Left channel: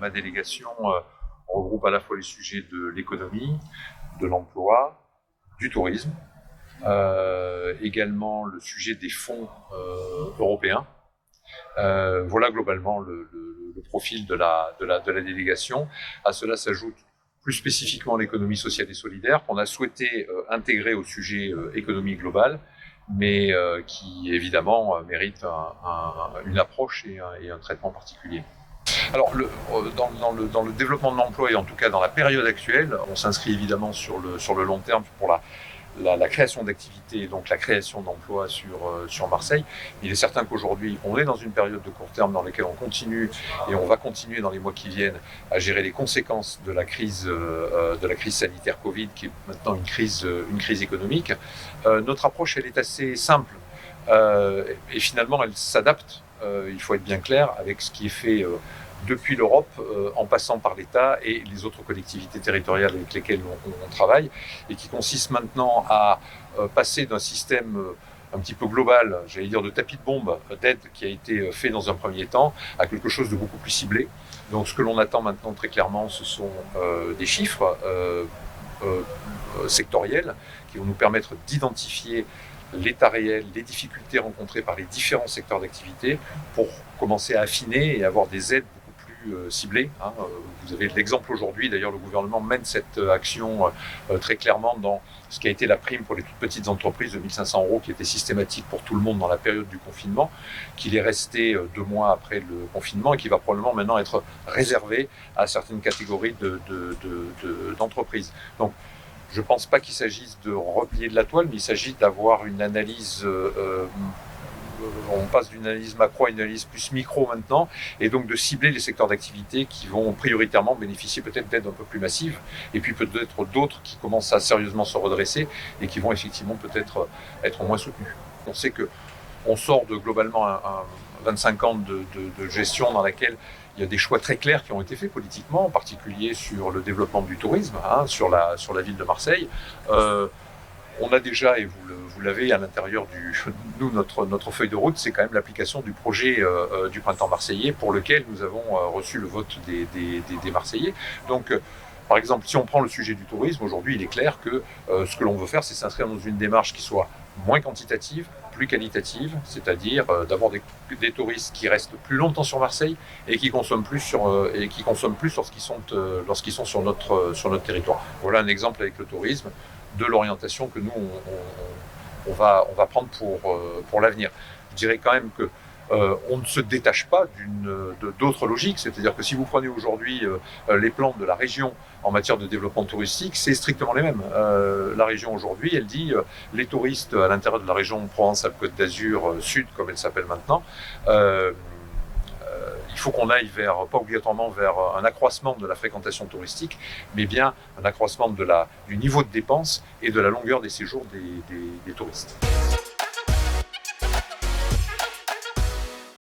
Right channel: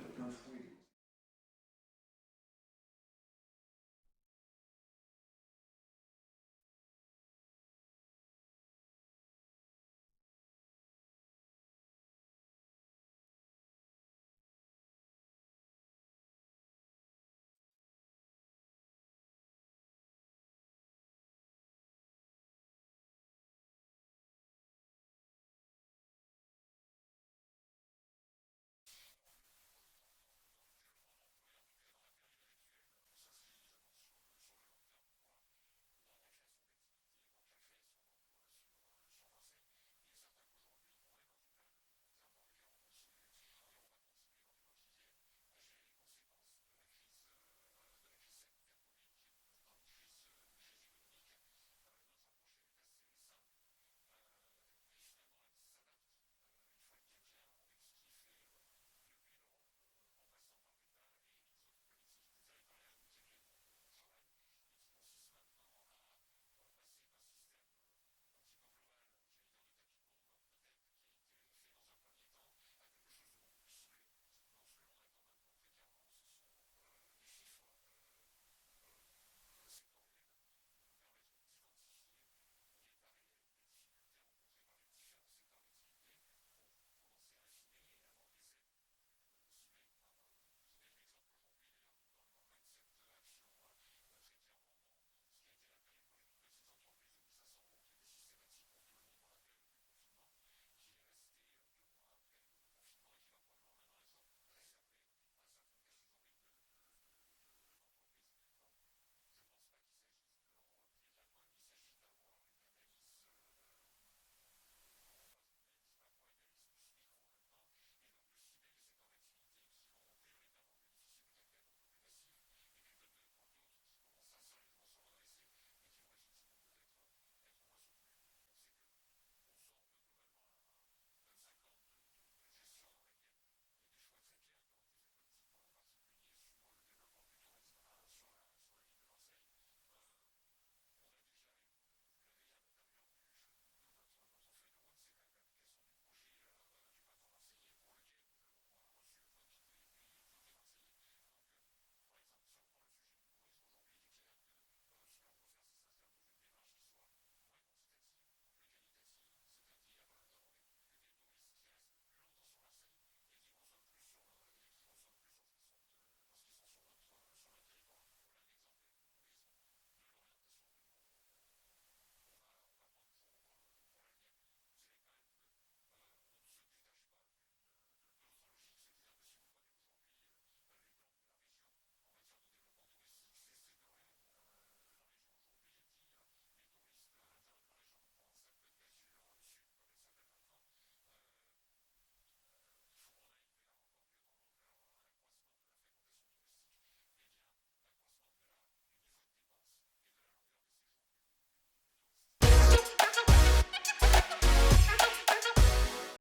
ma délégation regroupe à la fois les sujets de l'économie, de l'emploi, du tourisme, également le sujet des fonds européens. Voilà globalement le profil de la délégation. À cela s'ajoute plus spécifiquement l'économie sociale et solidaire qu'on a souhaité intégrer au sujet économie globale, mais qui évidemment mérite une approche et un traitement particulier. Alors, dans le développement de l'emploi et en tout cas dans la période actuelle, on s'inscrit évidemment sur le long terme pour la création d'activités, donc la création d'emplois sur Marseille. Il est certain qu'aujourd'hui, on est dans une période de court terme dans laquelle on continue et on va continuer dans les mois qui viennent à gérer les conséquences de la crise sanitaire Covid, qui est maintenant une crise économique. Notre approche, elle est assez simple et finalement, elle s'adapte, il faut être bien clair, avec ce qui est fait depuis l'Europe, en passant par l'État et les autres collectivités territoriales avec lesquelles on travaille, et qui consiste maintenant à passer d'un système un petit peu global, j'allais dire de tapis de bombe d'aide qui a été fait dans un premier temps, à quelque chose de beaucoup plus ciblé. Donc ce que l'on attend maintenant très clairement, ce sont des chiffres sectoriels qui vont nous permettre d'identifier l'état réel, les difficultés rencontrées par les différents secteurs d'activité pour commencer à affiner et avoir des aides ciblées. Vous avez l'exemple aujourd'hui, d'ailleurs le gouvernement mène cette action très clairement dans ce qui a été la prime pour les toutes petites entreprises de 1 500 € qui était systématique pour tout le monde dans la période du confinement, qu'il est resté 2 mois après le confinement et qui va probablement maintenant être réservé à certaines catégories d'entreprises. Donc je ne pense pas qu'il s'agisse de replier de la toile, mais il s'agit d'avoir une analyse on passe d'une analyse macro à une analyse plus micro maintenant, et donc de cibler les secteurs d'activité qui vont prioritairement bénéficier peut-être d'aides un peu plus massives, et puis peut-être d'autres qui commencent à sérieusement se redresser et qui vont effectivement peut-être être moins soutenus. On sait qu'on sort de globalement un 25 ans de gestion dans laquelle il y a des choix très clairs qui ont été faits politiquement, en particulier sur le développement du tourisme, sur la ville de Marseille. On a déjà, et vous l'avez à l'intérieur nous, notre feuille de route, c'est quand même l'application du projet du Printemps Marseillais, pour lequel nous avons reçu le vote des Marseillais. Donc, par exemple, si on prend le sujet du tourisme, aujourd'hui, il est clair que ce que l'on veut faire, c'est s'inscrire dans une démarche qui soit moins quantitative, plus qualitative, c'est-à-dire d'avoir des touristes qui restent plus longtemps sur Marseille et qui consomment plus lorsqu'ils sont sur notre territoire. Voilà un exemple avec le tourisme de l'orientation que nous on va prendre pour l'avenir. Je dirais quand même que on ne se détache pas d'autres logiques, c'est-à-dire que si vous prenez aujourd'hui les plans de la région en matière de développement touristique, c'est strictement les mêmes. La région aujourd'hui, elle dit les touristes à l'intérieur de la région Provence-Alpes-Côte d'Azur Sud, comme elle s'appelle maintenant, il faut qu'on aille pas obligatoirement vers un accroissement de la fréquentation touristique, mais bien un accroissement du niveau de dépenses et de la longueur des séjours des touristes.